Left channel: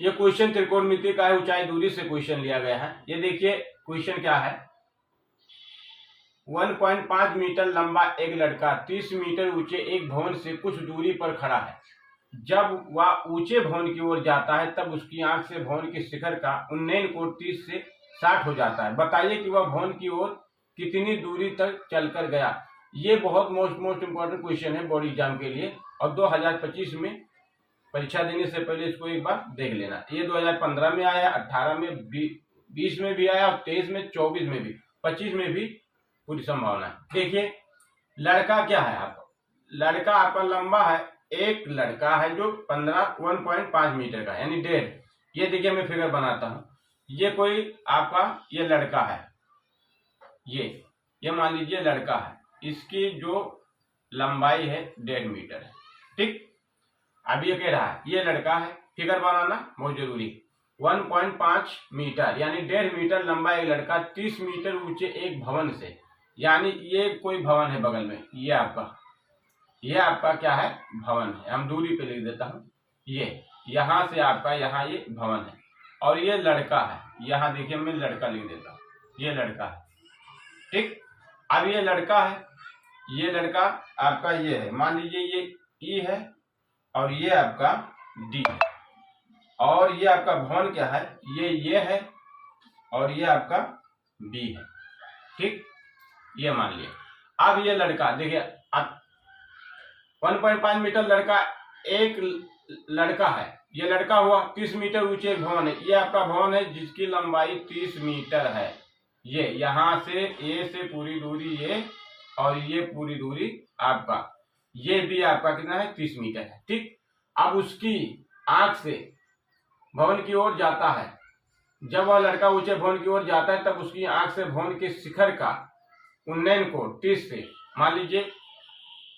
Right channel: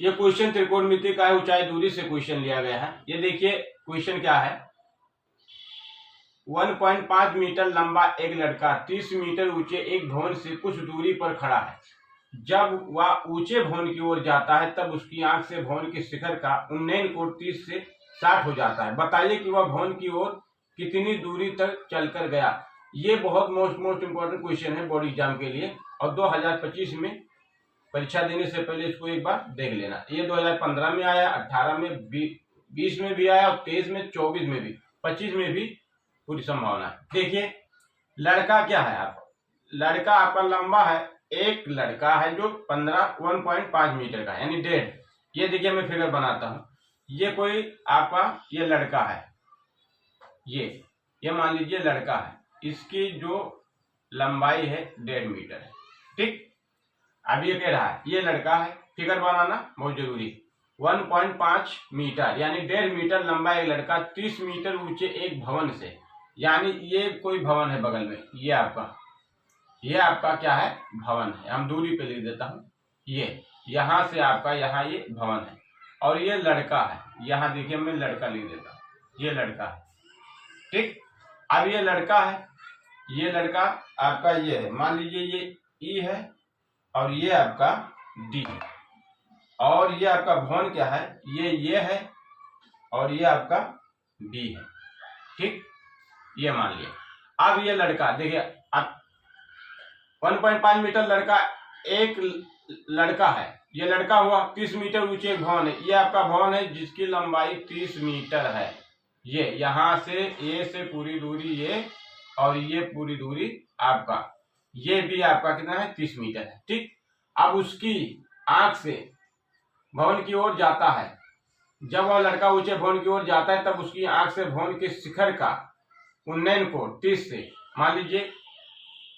ये क्वेश्चन त्रिकोणमिति का है, ऊंचाई दूरी से क्वेश्चन लिया गया है। ये देखिए क्वेश्चन क्या है, 1.5 मीटर लंबा एक लड़का 30 मीटर ऊंचे एक भवन से कुछ दूरी पर खड़ा है। जब वह ऊंचे भवन की ओर जाता है तब उसकी आंख से भवन के शिखर का उन्नयन कोण 30 से 60 हो जाता है। बताइए कि वह भवन की ओर कितनी दूरी तक चलकर गया। ये बहुत मोस्ट इंपॉर्टेंट क्वेश्चन है बोर्ड एग्जाम के लिए, और 2025 में परीक्षा देने से पहले इसको एक बार देख लेना। ये 2015 में आया, 18 में, 20 में भी आया, और 23 में, 24 में भी, 25 में भी पूरी संभावना है। देखिए लड़का क्या है आपका, लड़का आपका लंबा है, एक लड़का है जो 1.5 मीटर का यानी 1.5। ये देखिए मैं फिगर बनाता हूं, ये कोई आपका ये लड़का है, ये मान लीजिए लड़का है, इसकी जो लंबाई है 1.5 मीटर है। ठीक, अब ये कह रहा है ये लड़का है, फिगर बनाना बहुत जरूरी। 1.5 मीटर यानी 1.5 मीटर लंबा एक लड़का 30 मीटर ऊंचे एक भवन से, यानी ये कोई भवन है बगल में, ये आपका क्या है, भवन है। हम दूरी पे लिख देता हूं, ये यहां से आपका यहाँ ये भवन है, और ये लड़का है। यहाँ देखिए मैं लड़का लिख देता हूँ, ये लड़का है। ठीक, अब ये लड़का है, ये लड़का आपका ये है, मान लीजिए ये ई है और ये आपका डी है, और ये आपका भवन क्या है, ये है, और ये आपका बी है। ठीक, ये मान लिया। अब ये लड़का देखिए, अब 1.5 मीटर लड़का एक लड़का है, ये लड़का हुआ 30 मीटर ऊंचे एक भवन है, ये आपका भवन है जिसकी लंबाई 30 मीटर है। ये यहां से ए से पूरी दूरी ये, और ये पूरी दूरी आपका, ये भी आपका कितना है, 30 मीटर है। ठीक, अब उसकी आंख से भवन की ओर जाता है, जब वह लड़का ऊंचे भवन की ओर जाता है तब उसकी आंख से भवन के शिखर का उन्नयन कोण 30 से, मान लीजिए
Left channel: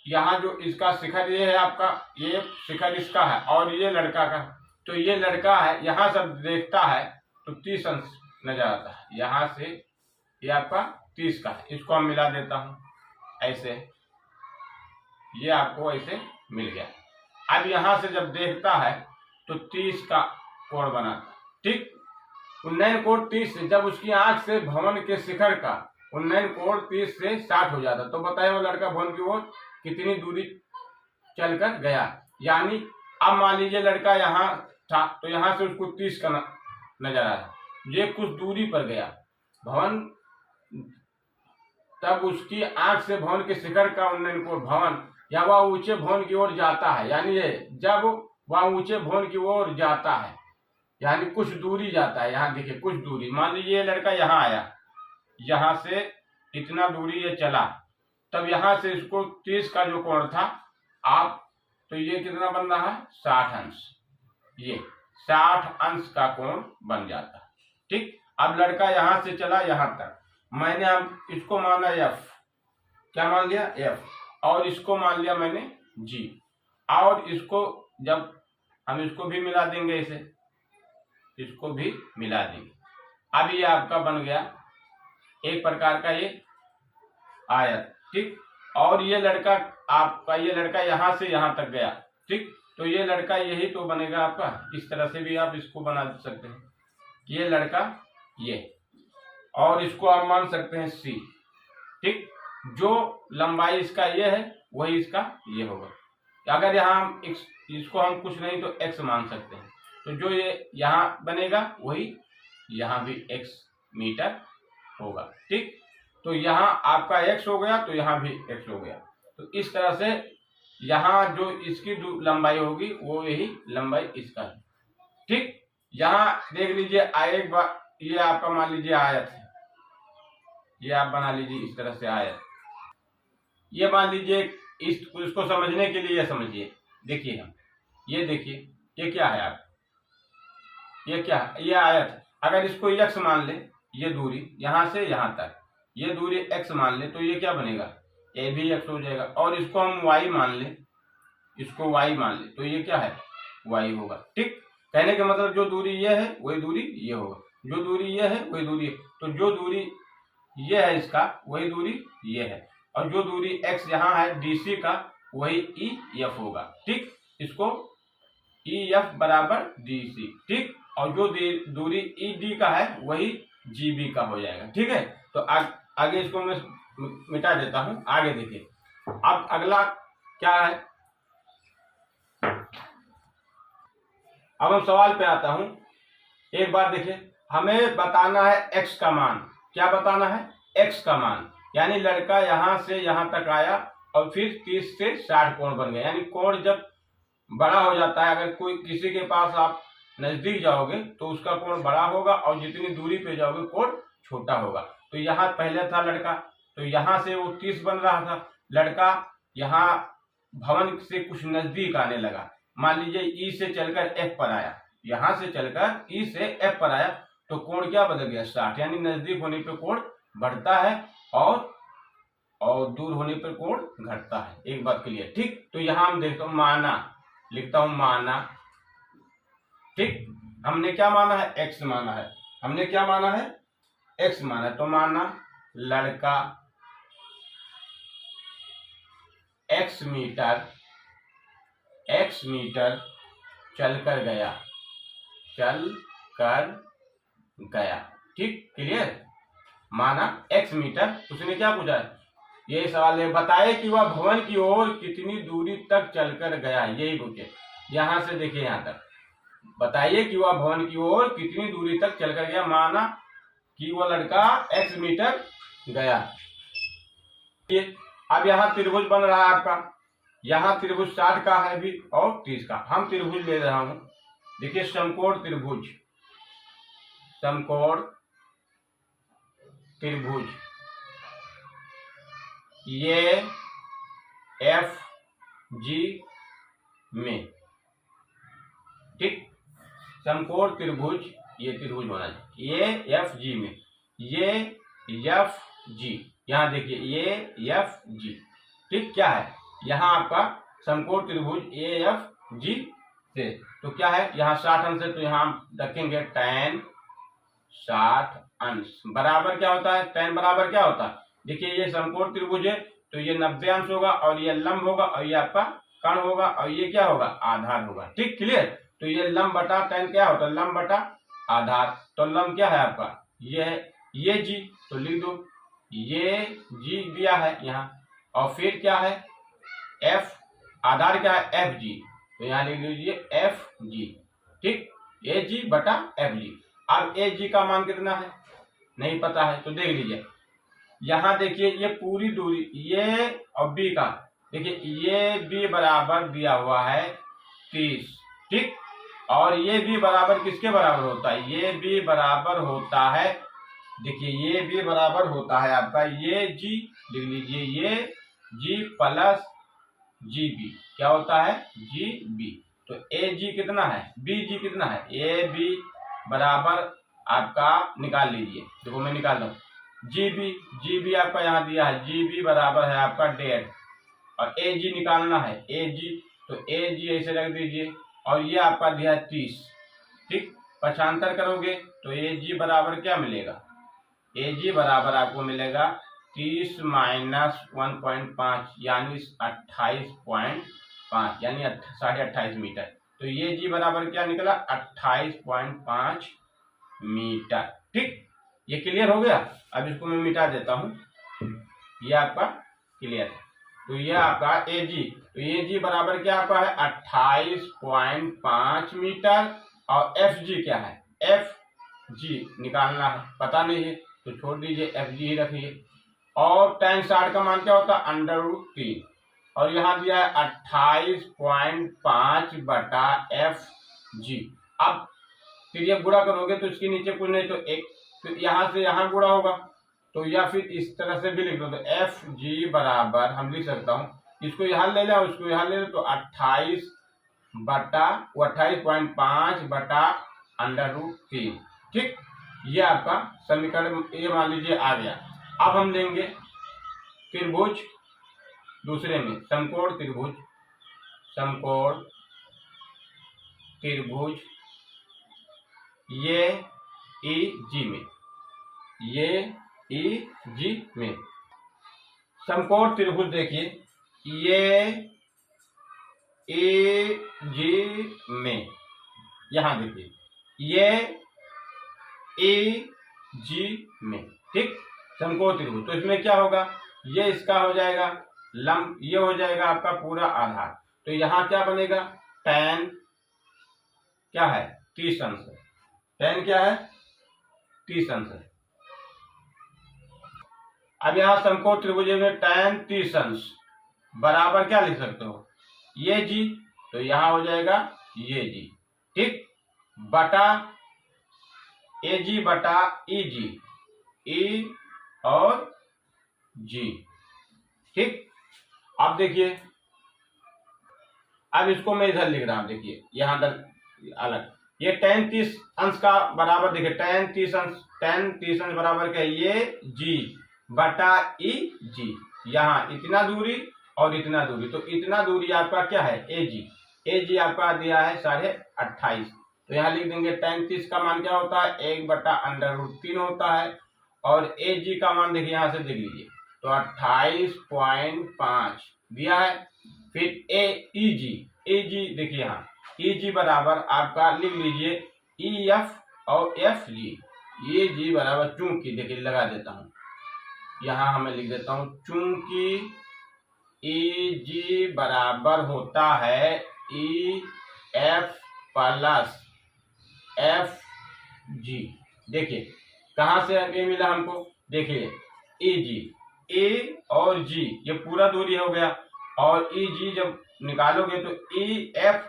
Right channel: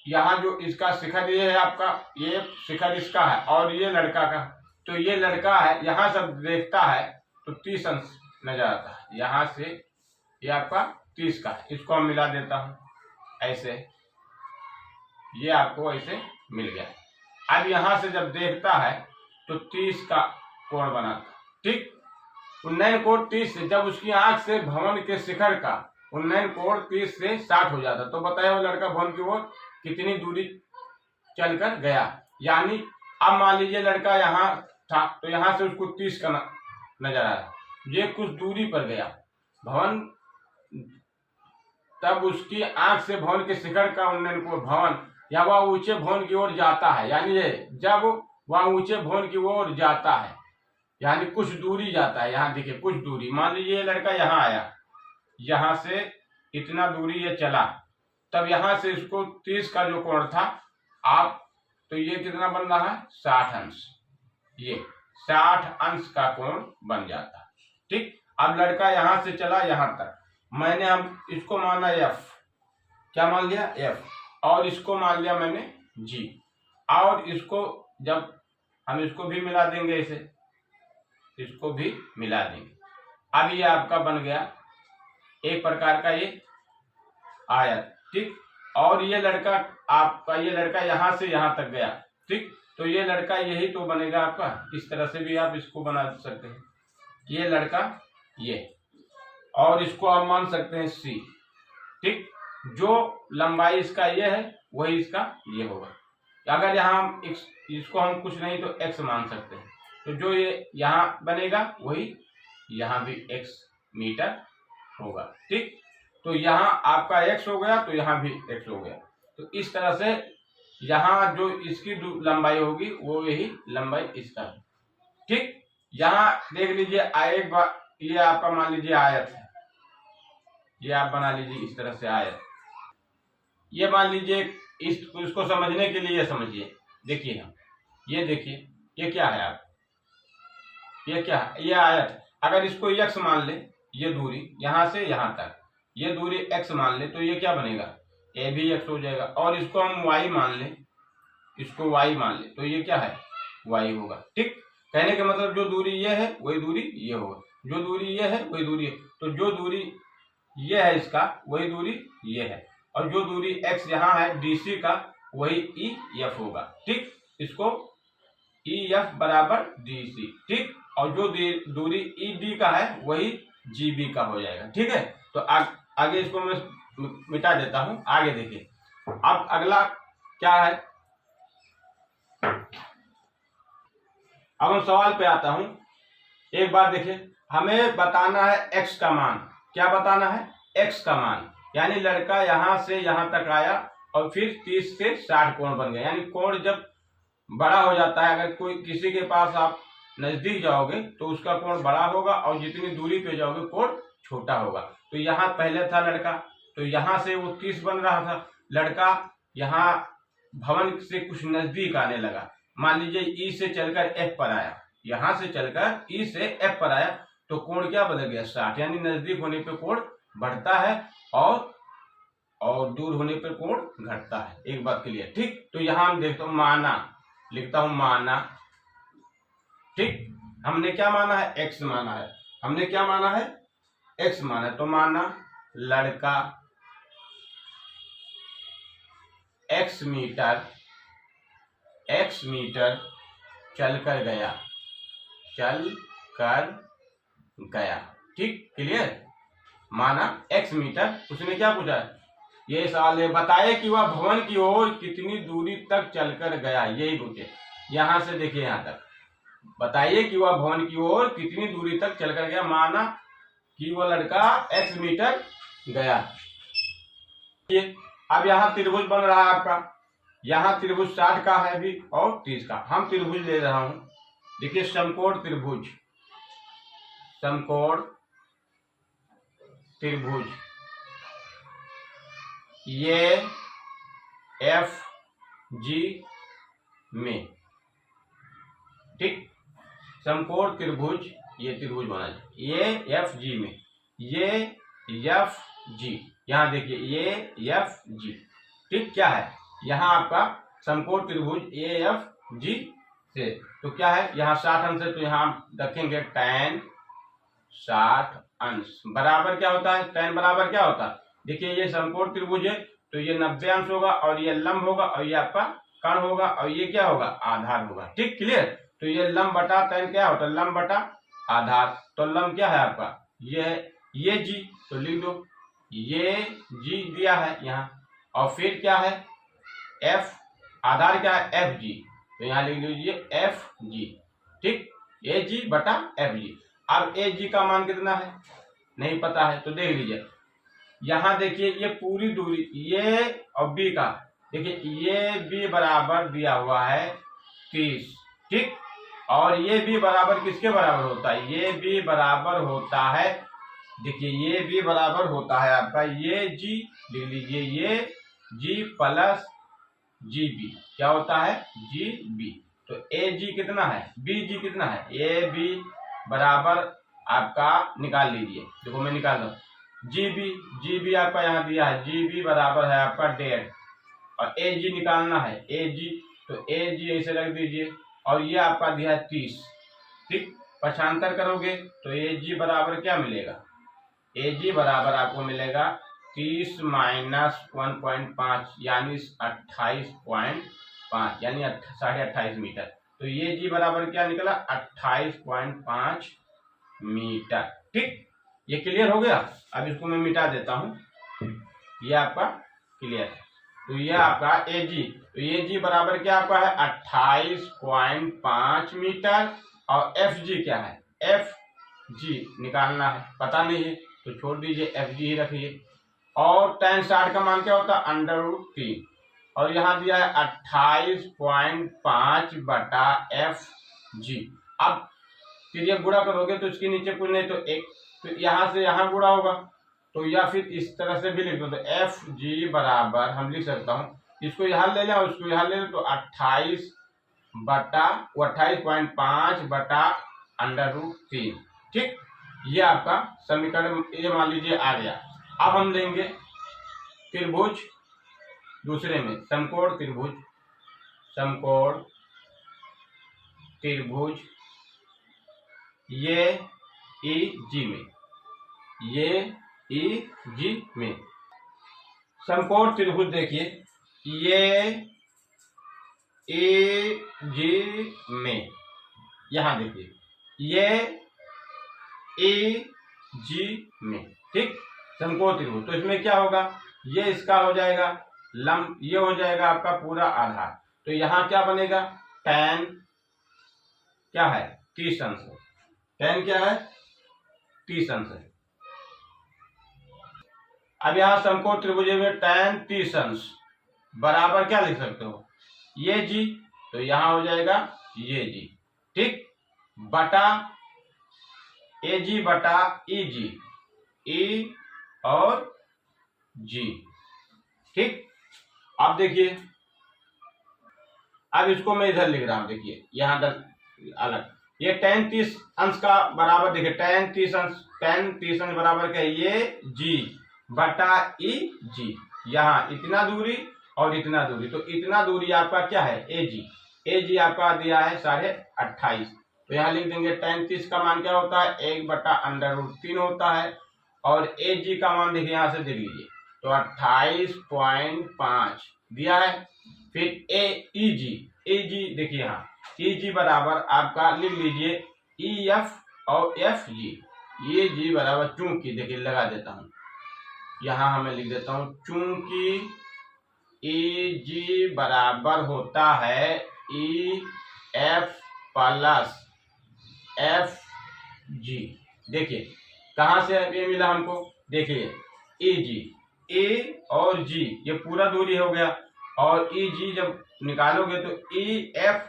यहाँ जो इसका शिखर ये है आपका, ये शिखर इसका है और ये लड़का का, तो ये लड़का है, यहाँ सब देखता है तो 30 अंश नजर आता है, यहाँ से ये आपका 30 का है। इसको हम मिला देता हूँ ऐसे, ये आपको ऐसे मिल गया। अब यहाँ से जब देखता है तो 30 का कोण बनाता है। ठीक, उन्नयन कोण 30 से, जब उसकी आंख से भवन के शिखर का उन्नयन कोण 30 से 60 हो जाता, तो बताइए वो लड़का भवन की ओर कितनी दूरी चलकर गया। यानी अब मान लीजिए लड़का यहाँ था तो यहाँ से उसको 30 का नजर आया, ये कुछ दूरी पर गया भवन, तब उसकी आंख से भवन के शिखर का उन्नयन कोण भवन, या वह ऊंचे भवन की ओर जाता है, यानी ये जब वह ऊंचे भवन की ओर जाता है यानी कुछ दूरी जाता है। यहाँ देखिए कुछ दूरी, मान लीजिए ये लड़का यहाँ आया, यहाँ से इतना दूरी ये चला, तब यहाँ से इसको 30 का जो कोण था आप, तो ये कितना बन रहा है, 60 अंश, ये 60 अंश का कोण बन जाता है। ठीक, अब लड़का यहाँ से चला यहाँ तक, मैंने हम इसको माना एफ, क्या मान लिया, एफ, और इसको मान लिया मैंने जी, और इसको जब हम इसको भी मिला देंगे, इसे इसको भी मिला देंगे, अब ये आपका बन गया एक प्रकार का ये आयत। ठीक, और ये लड़का आपका, ये लड़का यहाँ से यहाँ तक गया। ठीक, तो ये लड़का यही तो बनेगा आपका, इस तरह से भी आप इसको बना सकते हैं, ये लड़का ये, और इसको आप मान सकते हैं सी। ठीक, जो लंबाई इसका ये है वही इसका ये होगा। अगर यहाँ हम इसको हम कुछ नहीं तो एक्स मान सकते हैं, तो जो ये यहाँ बनेगा वही यहाँ भी x मीटर होगा। ठीक, तो यहाँ आपका x हो गया तो यहाँ भी x हो गया, तो इस तरह से यहाँ जो इसकी लंबाई होगी वो यही लंबाई इसका है। ठीक, यहाँ देख लीजिए एक बार, ये आपका मान लीजिए आयत है, ये आप बना लीजिए इस तरह से आयत, ये मान लीजिए इसको समझने के लिए समझिए, देखिए हम ये देखिए ये क्या है आप, ये क्या है, ये आयत है। अगर इसको x मान ले, ये दूरी यहाँ से यहाँ तक, ये दूरी x मान ले, तो ये क्या बनेगा, ए भी x हो जाएगा, और इसको हम y मान ले, इसको y मान ले, तो ये क्या है, y होगा। ठीक, कहने का मतलब जो दूरी ये है वही दूरी ये होगा, जो दूरी ये है वही दूरी है, तो जो दूरी ये है इसका वही दूरी ये है, और जो दूरी x यहाँ है DC का वही EF होगा। ठीक, इसको ई एफ बराबर डी सी, ठीक। और जो दूरी ई डी का है वही जी बी का हो जाएगा, ठीक है। तो आगे इसको मैं मिटा देता हूं। आगे देखिए, अब अगला क्या है, अब हम सवाल पे आता हूं। एक बार देखिए, हमें बताना है एक्स का मान। क्या बताना है? एक्स का मान। यानी लड़का यहां से यहां तक आया और फिर 30 से 60 कोण बन गया। यानी कोण जब बड़ा हो जाता है, अगर कोई किसी के पास आप नजदीक जाओगे तो उसका कोण बड़ा होगा और जितनी दूरी पे जाओगे कोण छोटा होगा। तो यहाँ पहले था लड़का, तो यहाँ से वो 30 बन रहा था। लड़का यहाँ भवन से कुछ नजदीक आने लगा, मान लीजिए ई से चलकर एफ पर आया, यहां से चलकर ई से एफ पर आया, तो कोण क्या बदल गया? 60। यानी नजदीक होने पे कोण बढ़ता है और दूर होने पर कोण घटता है। एक बात क्लियर, ठीक। तो यहां हम देखता हूं माना, लिखता हूं माना, ठीक। हमने क्या माना है? एक्स माना है। हमने क्या माना है? एक्स माना है। तो माना लड़का एक्स मीटर चल कर गया, ठीक। क्लियर। माना एक्स मीटर, उसने क्या पूछा है? ये सवाल है, बताए कि वह भवन की ओर कितनी दूरी तक चलकर गया, यही पूछे। यहां से देखिए यहां तक, बताइए कि वह भवन की ओर कितनी दूरी तक चलकर गया। माना कि वह लड़का एक्स मीटर गया। अब यहाँ त्रिभुज बन रहा है आपका, यहाँ त्रिभुज 60 का है भी और 30 का। हम त्रिभुज ले रहा हूं। देखिए समकोण त्रिभुज, ये एफ जी में, ठीक। समकोण त्रिभुज, ये त्रिभुज बना, ये एफ जी में, ये एफ जी, यहां देखिए ये एफ जी, ठीक। क्या है? यहां आपका समकोण त्रिभुज ए एफ जी से, तो क्या है? यहाँ 60 अंश है, तो यहाँ रखेंगे tan 60 अंश बराबर क्या होता है? tan बराबर क्या होता है? देखिए ये समकोण त्रिभुज है, तो ये 90 अंश होगा और ये लंब होगा और ये आपका कर्ण होगा और ये क्या होगा? आधार होगा, ठीक। क्लियर। तो ये लंब बटा tan क्या होता है? लंब बटा आधार। तो लंब क्या है आपका? ये जी, तो लिख दो ये जी दिया है यहाँ, और फिर क्या है? एफ, आधार क्या है? एफ जी, तो यहाँ लिख लीजिए एफ जी, ठीक। ए जी बटा एफ जी। अब ए जी का मान कितना है? नहीं पता है, तो देख लीजिए यहाँ देखिए ये पूरी दूरी, ये और बी का, देखिए ये बी बराबर दिया हुआ है 30, ठीक। और ये बी बराबर किसके बराबर होता है? ये बी बराबर होता है, देखिए ये बी बराबर होता है आपका ये जी, लिख लीजिए ये जी प्लस जी बी, क्या होता है? G B. तो ए जी कितना है? बी जी कितना है? ए बी बराबर आपका निकाल लीजिए, देखो मैं निकाल रहा हूँ। जी बी आपका यहाँ दिया है, जी बी बराबर है आपका 1.5, और ए जी निकालना है, ए जी, तो ए जी ऐसे रख दीजिए, और ये आपका दिया है 30, ठीक। पक्षांतर करोगे तो ए जी बराबर क्या मिलेगा? ए जी बराबर आपको मिलेगा 30 माइनस 1.5 यानी 28.5 यानी 28.5 मीटर। तो ये जी बराबर क्या निकला? 28.5 मीटर, ठीक। ये क्लियर हो गया। अब इसको मैं मिटा देता हूं, ये आपका क्लियर है। तो ये आपका ए जी, तो ये जी बराबर क्या आपका है? 28.5 मीटर। और एफ जी क्या है? एफ जी निकालना है, पता नहीं है तो छोड़ दीजिए, एफ जी ही रखिए। और tan 60 का मान क्या होता है? √3, और यहाँ दिया है 28.5 बटा एफ जी। अब फिर ये गुणा करोगे तो इसके नीचे कुछ नहीं तो एक, तो यहाँ से यहाँ गुणा होगा, तो या फिर इस तरह से भी लिख दो, तो एफ जी बराबर हम लिख सकता हूँ, इसको यहाँ ले लें और इसको यहाँ ले लें, तो 28.5 बटा √3, ठीक। ये आपका समीकरण ये मान लीजिए आ गया। अब हम लेंगे त्रिभुज दूसरे में, समकोण त्रिभुज ये ई जी में, समकोण त्रिभुज देखिए ये ए जी में, यहां देखिए ये ए जी में, ठीक, समकोण त्रिभुज। तो इसमें क्या होगा, ये इसका हो जाएगा लंब, ये हो जाएगा आपका पूरा आधार। तो यहाँ क्या बनेगा, tan क्या है 30 अंश है, tan क्या है 30 अंश है। अब यहाँ समकोण त्रिभुज में tan 30 अंश बराबर क्या लिख सकते हो, ये जी, तो यहाँ हो जाएगा ये जी, ठीक, बटा ए जी बटा ई जी, ई और जी, ठीक। अब देखिए, अब इसको मैं इधर लिख रहा हूं, देखिए यहां अलग, ये tan 30 अंश का बराबर, देखिए tan 30 अंश बराबर क्या है, ये जी बटा ई जी, यहाँ इतना दूरी और इतना दूरी, तो इतना दूरी आपका क्या है ए जी, ए जी आपका दिया है 28.5, तो यहाँ लिख देंगे tan 30 का मान क्या होता है 1/√3 होता है, और ए जी का मान देखिए यहाँ से देख लीजिए, तो 28.5 दिया है। फिर ए जी देखिए यहाँ ई जी बराबर आपका लिख लीजिए ई एफ और एफ जी, ये जी बराबर, चूंकि देखिए लगा देता हूँ यहाँ, हमें लिख देता हूँ चूंकि ई जी बराबर होता है E F plus F G. देखिए कहाँ से ये मिला हमको, देखिए ई जी, ए और जी ये पूरा दूरी हो गया, और ई जी जब निकालोगे तो ई एफ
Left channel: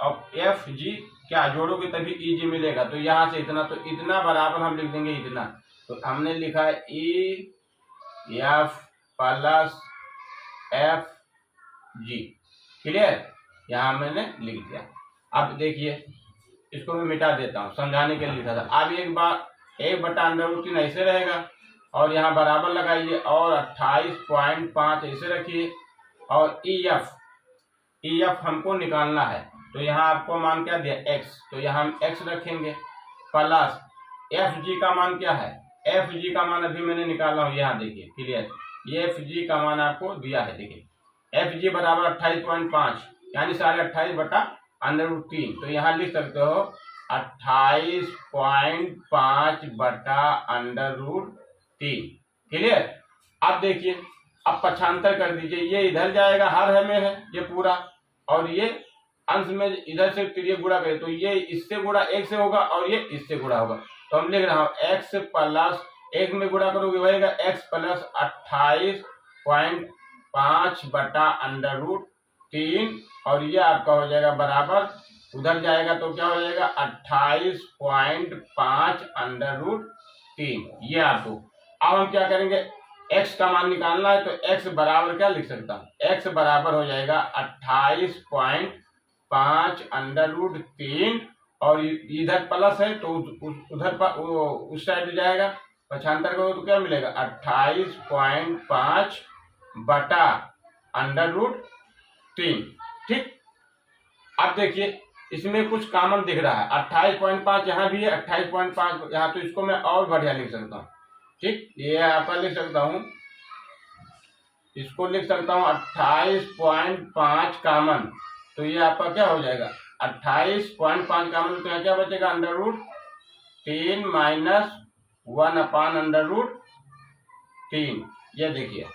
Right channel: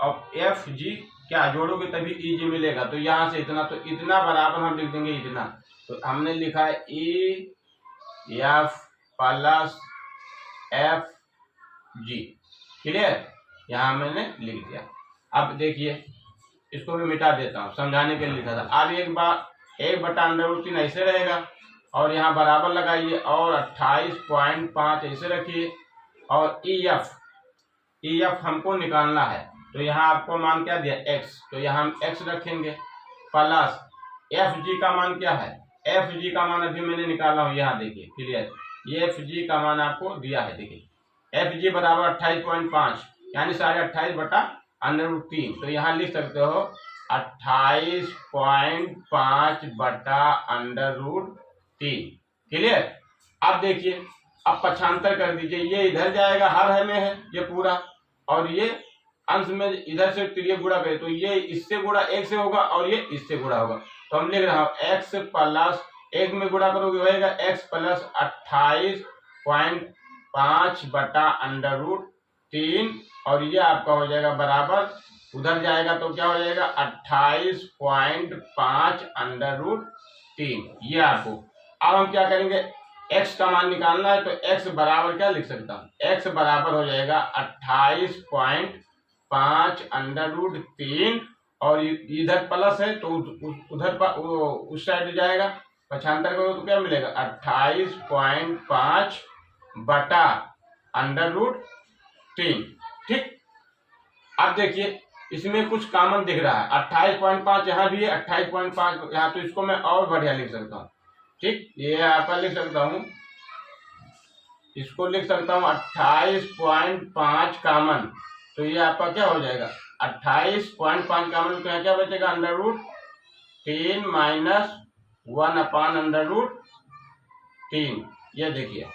और एफ जी क्या जोड़ोगे तभी ई जी मिलेगा, तो यहाँ से इतना, तो इतना बराबर हम लिख देंगे इतना, तो हमने लिखा है E F plus F G, clear, यहाँ मैंने लिख दिया। अब देखिए इसको मैं मिटा देता हूँ, समझाने के लिए लिखा था। अब एक बार 1/√3 ऐसे रहेगा, और यहाँ बराबर लगाइए, और 28.5 ऐसे रखिए, और ई एफ हमको निकालना है, तो यहाँ आपको मान क्या दिया x, तो यहाँ हम x रखेंगे, प्लस एफ जी का मान क्या है, एफ जी का मान अभी मैंने निकाला हूँ, यहाँ देखिए क्लियर, ये एफ जी का मान आपको दिया है, देखिए एफ जी बराबर 28.5 यानी 28.5/√3, तो यहाँ लिख सकते हो 28.5/√3, क्लियर। अब देखिए, अब पक्षांतर कर दीजिए, ये इधर जाएगा, हर में है ये पूरा, और ये अंश में इधर से तिरिय गुणा करें तो ये इससे गुणा एक से होगा, और ये इससे गुणा होगा, तो हम लिख रहा हूँ x प्लस एक में गुणा करोगे होगा x प्लस 28.5/√3, और ये आपका हो जाएगा बराबर, उधर जाएगा तो क्या हो जाएगा 28.5/√3, ये आपको। अब हम क्या करेंगे, x का मान निकालना है, तो x बराबर क्या लिख सकता हूँ, x बराबर हो जाएगा 28.5/√3, और इधर प्लस है तो उधर उस साइड जाएगा, पक्षांतर करो तो क्या मिलेगा 28.5/√3, ठीक। अब देखिए इसमें कुछ कॉमन दिख रहा है, 28.5 यहाँ भी है, 28.5 यहाँ, तो इसको मैं और बढ़िया लिख सकता हूँ, ठीक, ये आपका लिख सकता हूँ, इसको लिख सकता हूँ 28.5 कॉमन, तो ये आपका क्या हो जाएगा 28.5 कॉमन, तो यहाँ क्या बचेगा √3 माइनस 1/√3, ये देखिए।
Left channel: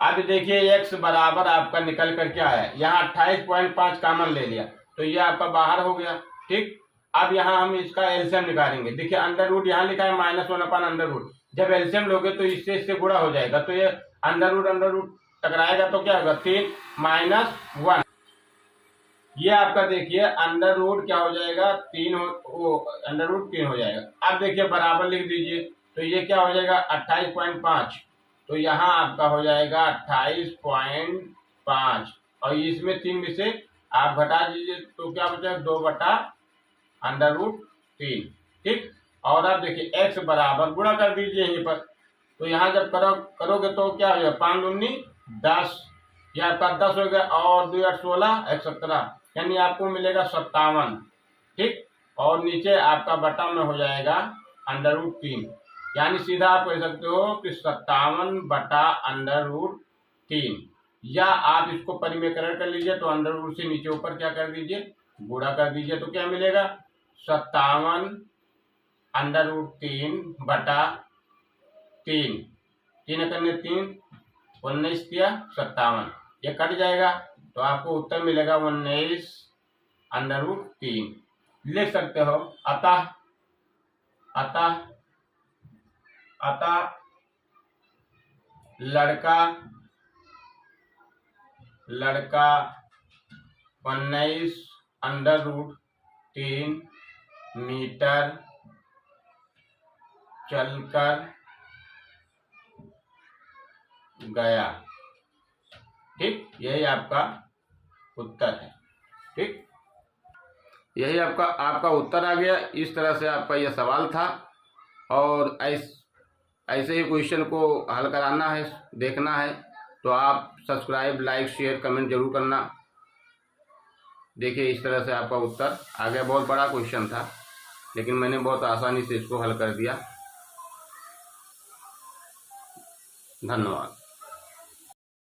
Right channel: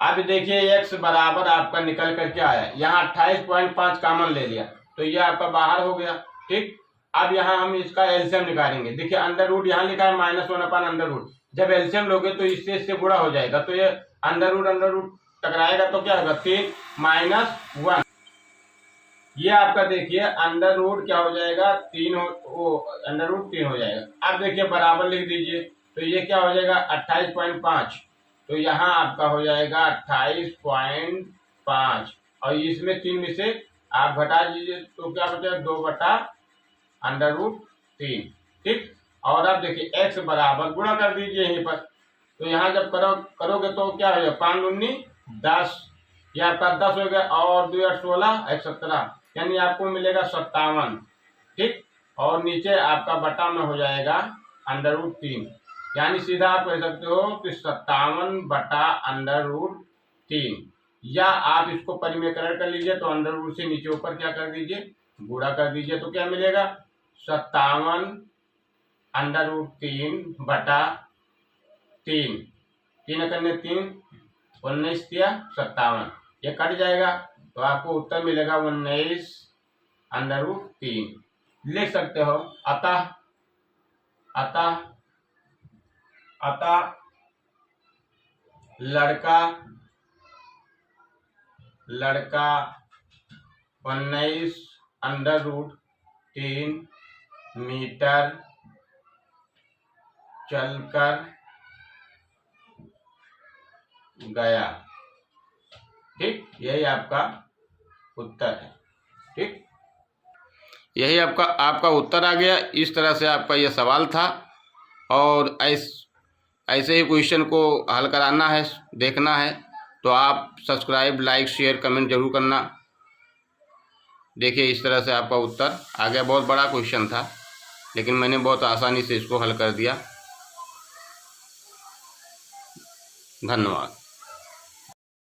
अब देखिए x बराबर आपका निकल कर क्या आया, यहाँ 28.5 कॉमन ले लिया, तो ये आपका बाहर हो गया, ठीक। अब यहाँ हम इसका एलसीएम निकालेंगे, देखिए अंडर रूट यहाँ लिखा है -1/√, जब एलसीएम लोगे तो इससे गुणा हो जाएगा, तो ये अंडर रूट टकराएगा तो क्या होगा 3 - 1, ये आपका देखिए अंडर रूट क्या हो जाएगा 3 अंडर रूट 3 हो जाएगा। अब देखिए बराबर लिख दीजिए, तो ये क्या हो जाएगा 28.5, तो यहाँ आपका हो जाएगा 28.5, और इसमें 3 में से आप घटा दीजिए तो क्या बचा 2/√3, ठीक। और अब देखिए x बराबर गुणा कर दीजिए यहीं पर, तो यहाँ जब करोगे तो क्या हो जाएगा 5 दूनी 10, ये आपका 10 हो गया, और 2 8 16 1 17, यानी आपको मिलेगा 57, ठीक। और नीचे आपका बटा में हो जाएगा अंडर रूट 3, यानी सीधा आप कह सकते हो कि 57/√3 3, या आप इसको परिमेयकरण कर लीजिए तो अंडर रूट से नीचे ऊपर क्या कर दीजिए, गुणा कर दीजिए, तो क्या मिलेगा 57 अंडर रूट 3/3, 3 करने 3, 19 या 57, ये कट जाएगा तो आपको उत्तर मिलेगा 19 अंडर रूट 3। लिख सकते हो अतः अतः अतः लड़का 19 अंडर रूट 3 मीटर चलकर गया। ठीक, यही आपका उत्तर है। ठीक, यही आपका उत्तर आ गया। इस तरह से आपका यह सवाल था और ऐसे ही क्वेश्चन को हल कराना है, देखना है तो आप सब्सक्राइब, लाइक, शेयर, कमेंट जरूर करना। देखिए इस तरह से आपका उत्तर आ गया। बहुत बड़ा क्वेश्चन था लेकिन मैंने बहुत आसानी से इसको हल कर दिया। धन्यवाद।